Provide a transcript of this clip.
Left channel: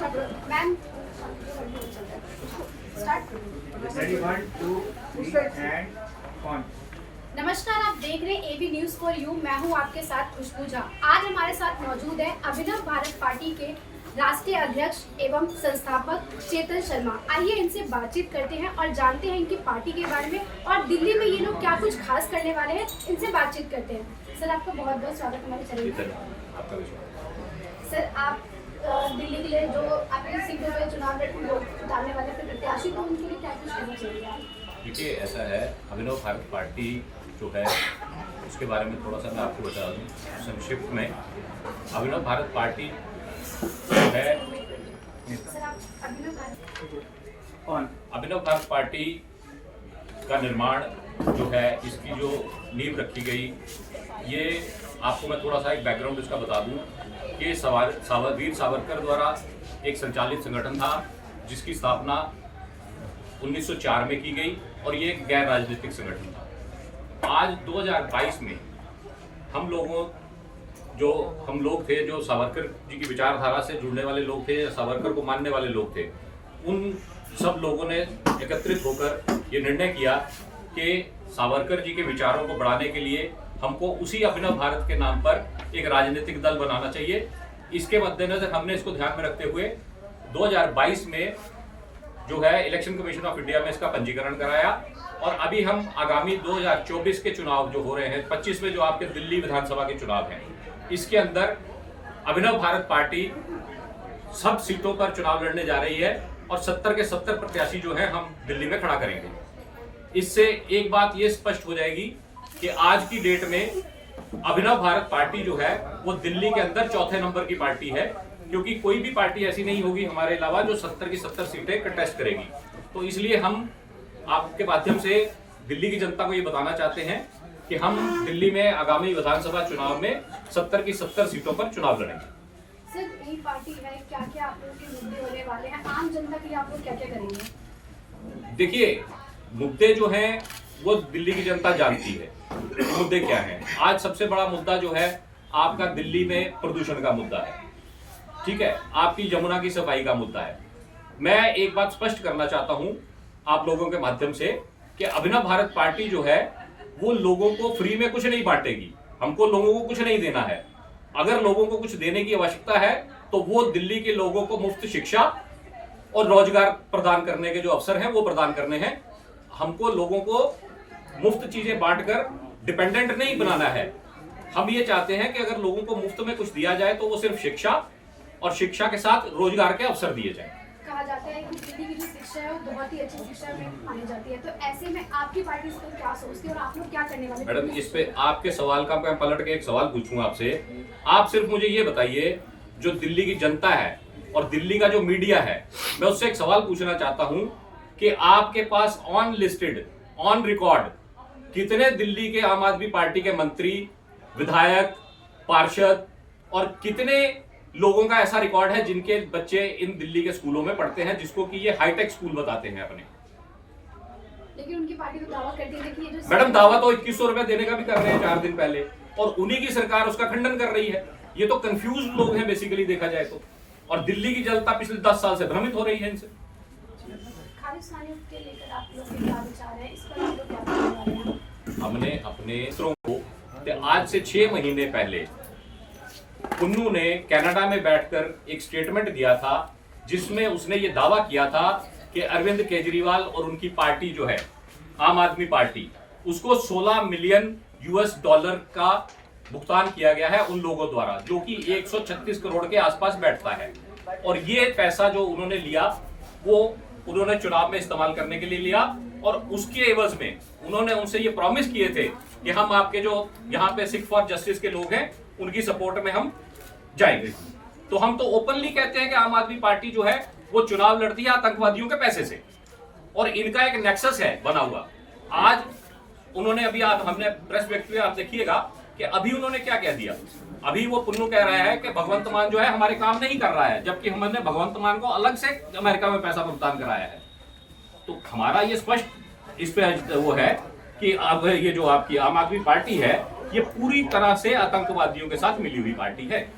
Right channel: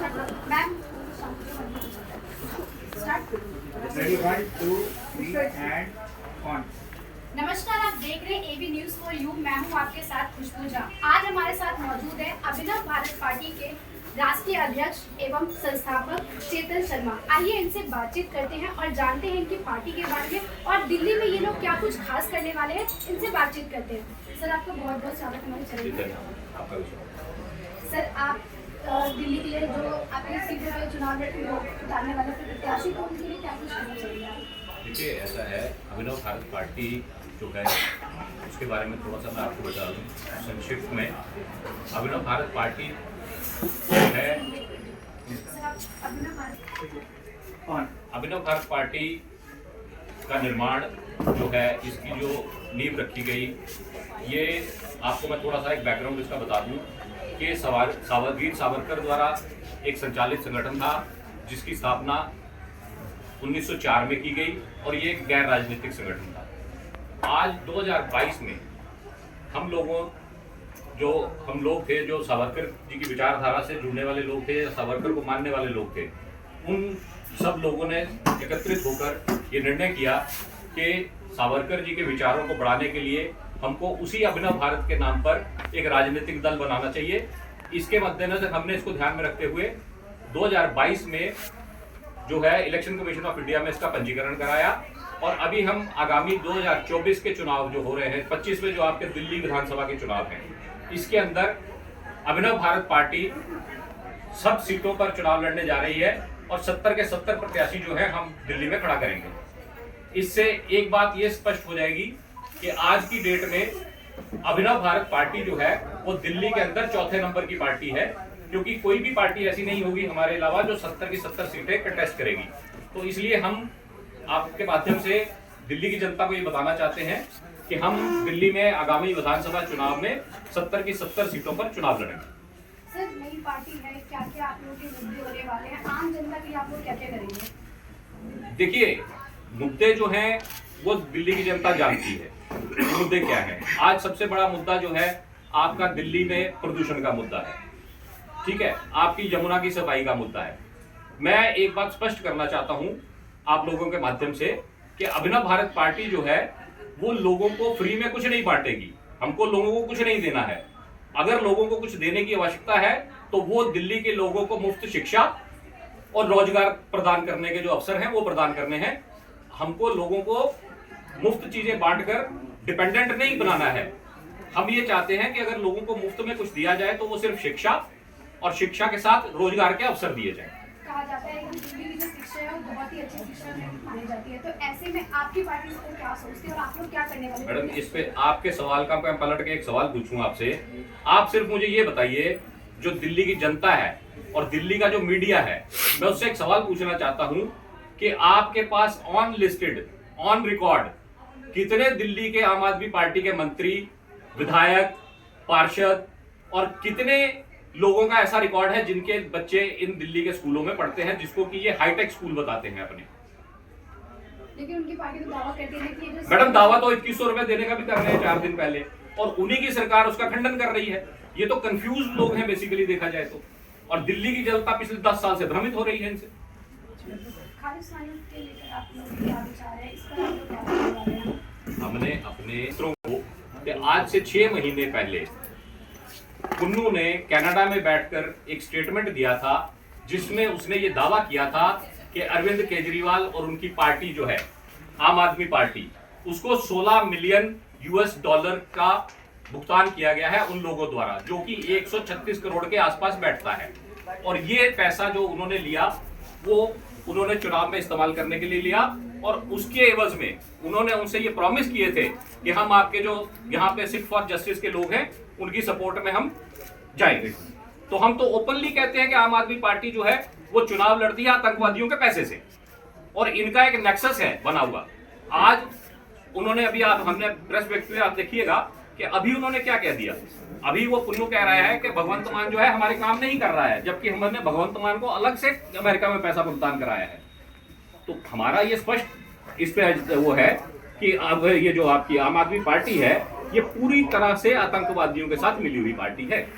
Ma'am Ready, 1, 2, 3 and on. नमस्कार, आप देख रहे हैं एबी न्यूज फॉर यू। मैं हूं आपके साथ खुशबू झा। आज हमारे साथ मौजूद है अभिनव भारत पार्टी के राष्ट्रीय अध्यक्ष एवं संस्थापक चेतन शर्मा। आइए इनसे बातचीत करते हैं और जानते हैं इनकी पार्टी के बारे में और दिल्ली में ये लोग क्या कुछ खास करने वाले हैं। इनसे बातचीत करते हैं। सर, आपका बहुत बहुत स्वागत हमारे चैनल में। सर, आप दिल्ली के लिए जो आपके सीधे में चुनाव उतारने वाले प्रत्याशी को उनके लिए क्या कुछ करना चाहिए? देखिए, ऐसा है, अभिनव भारत पार्टी जो है उसके बारे में थोड़ा सा मैं आपको बता दूं संक्षिप्त में। अभिनव भारत पार्टी जो है अभिनव भारत पार्टी का निर्माण जो है, इसकी जो नींव रखी गई, ये आपको मैं थोड़ा सा एक बैकग्राउंड इसका बता दूं कि वीर सावरकर द्वारा एक संचालित संगठन था जिसकी स्थापना 1904 में की गई और ये एक गैर राजनीतिक संगठन था। आज 2022 में हम लोग थे जो सावरकर जी की विचारधारा से जुड़ने वाले लोग थे, सावरकर को मानने वाले लोग थे, उन सब लोगों ने एकत्रित होकर ये निर्णय किया कि सावरकर जी के विचारों को बढ़ाने के लिए हमको उसी अभिनव भारत के नाम पर एक राजनीतिक दल बनाना चाहिए। इसके मद्देनजर हमने इसको ध्यान में रखते हुए 2022 में जो है इलेक्शन कमीशन ऑफ इंडिया में इसका पंजीकरण कराया और अभी हम आगामी 2024 के चुनाव जो हो रहे हैं, 25 में जो आपके दिल्ली विधानसभा के चुनाव हैं, इसके अंदर अभिनव भारत पार्टी सब सीटों पर चुनाव लड़ने जा रही है और 70 के 70 प्रत्याशी जो है हम दिल्ली में खड़ा करेंगे। इससे एक बात ये स्पष्ट हो जाएगी कि आज की डेट में अभिनव भारत पार्टी जो है वो दिल्ली के अंदर चौथे नंबर की पार्टी है, क्योंकि कोई भी पार्टी ऐसी नहीं होगी हमारे अलावा जो 70 की 70 सीटें कंटेस्ट करेगी। तो इसलिए हम आपके माध्यम से दिल्ली की जनता को ये बताना चाहते हैं कि हम दिल्ली में आगामी विधानसभा चुनाव में 70 की 70 सीटों पर चुनाव लड़ेंगे। सर, नई पार्टी है, क्या क्या आप लोगों के मुद्दे होने वाले हैं? आम जनता के लिए आप लोग क्या क्या करेंगे? देखिए, मुद्दे जो हैं वो दिल्ली की जनता जानती है। मुद्दे क्या हैं? आज सबसे बड़ा मुद्दा जो है आपका दिल्ली में प्रदूषण का मुद्दा है, ठीक है, आपकी यमुना की सफाई का मुद्दा है। मैं एक बात स्पष्ट करना चाहता हूं आप लोगों के माध्यम से कि अभिनव भारत पार्टी जो है वो लोगों को फ्री में कुछ नहीं बांटेगी। हमको लोगों को कुछ नहीं देना है। अगर लोगों को कुछ देने की आवश्यकता है तो वो दिल्ली के लोगों को मुफ्त शिक्षा और रोजगार प्रदान करने के जो अवसर हैं वो प्रदान करने हैं। हमको लोगों को मुफ्त चीजें बांटकर डिपेंडेंट नहीं बनाना है। हम ये चाहते हैं कि अगर लोगों को मुफ्त में कुछ दिया जाए तो वो सिर्फ शिक्षा और शिक्षा के साथ रोजगार के अवसर दिए जाएं। कहा जाता है कि दिल्ली की जो शिक्षा है वो बहुत ही अच्छी शिक्षा मानी जाती है, तो ऐसे में आपकी पार्टी इस पर क्या सोचती है और आप लोग क्या करने वाले? मैडम, इस पे आपके सवाल का मैं पलट के एक सवाल पूछूंगा आपसे। आप सिर्फ मुझे ये बताइए, जो दिल्ली की जनता है और दिल्ली का जो मीडिया है, मैं उससे एक सवाल पूछना चाहता हूं कि आपके pass on listed, on record कितने दिल्ली के आम आदमी पार्टी के मंत्री, विधायक, पार्षद और कितने लोगों का ऐसा रिकॉर्ड है जिनके बच्चे इन दिल्ली के स्कूलों में पढ़ते हैं, जिसको कि ये हाईटेक स्कूल बताते हैं अपने? लेकिन उनकी पार्टी तो दावा करती है कि ये जो मैडम, दावा तो 2100 रुपए देने का भी कर रहे हैं 4 दिन पहले, और उन्हीं की सरकार उसका खंडन कर रही है। ये तो कंफ्यूज लोग हैं बेसिकली देखा जाए तो, और दिल्ली की जनता पिछले 10 साल से भ्रमित हो रही है इनसे। खालिस्तानी के लेकर आप लोग क्या विचार है, इस पर आप लोग क्या करने वाले हैं? हमने अपने मित्रों को आज से 6 महीने पहले पुन्नू ने कनाडा में बैठकर एक स्टेटमेंट दिया था जिसमें उसने ये दावा किया था कि अरविंद केजरीवाल और उनकी पार्टी जो है आम आदमी पार्टी, उसको 16 मिलियन US डॉलर का भुगतान किया गया है उन लोगों द्वारा, जो कि 136 करोड़ के आसपास बैठता है। और ये पैसा जो उन्होंने लिया वो उन्होंने चुनाव में इस्तेमाल करने के लिए लिया, और उसके एवज में उन्होंने उनसे ये प्रॉमिस किए थे कि हम आपके जो यहाँ पे सिख फॉर जस्टिस के लोग हैं उनकी सपोर्ट में हम जाएंगे। तो हम तो ओपनली कहते हैं कि आम आदमी पार्टी जो है वो चुनाव लड़ती है आतंकवादियों के पैसे से, और इनका एक नेक्सस है बना हुआ। आज उन्होंने हमने प्रेस व्यक्त किया, आप देखिएगा कि अभी उन्होंने क्या कह दिया। अभी वो पुन्नू कह रहा है कि भगवंत मान जो है हमारे काम नहीं कर रहा है, जबकि हमने भगवंत मान को अलग से अमेरिका में पैसा भुगतान कराया है। तो हमारा ये स्पष्ट इस पे वो है कि अब ये जो आपकी आम आदमी पार्टी है ये पूरी तरह से आतंकवादियों के साथ मिली हुई पार्टी है।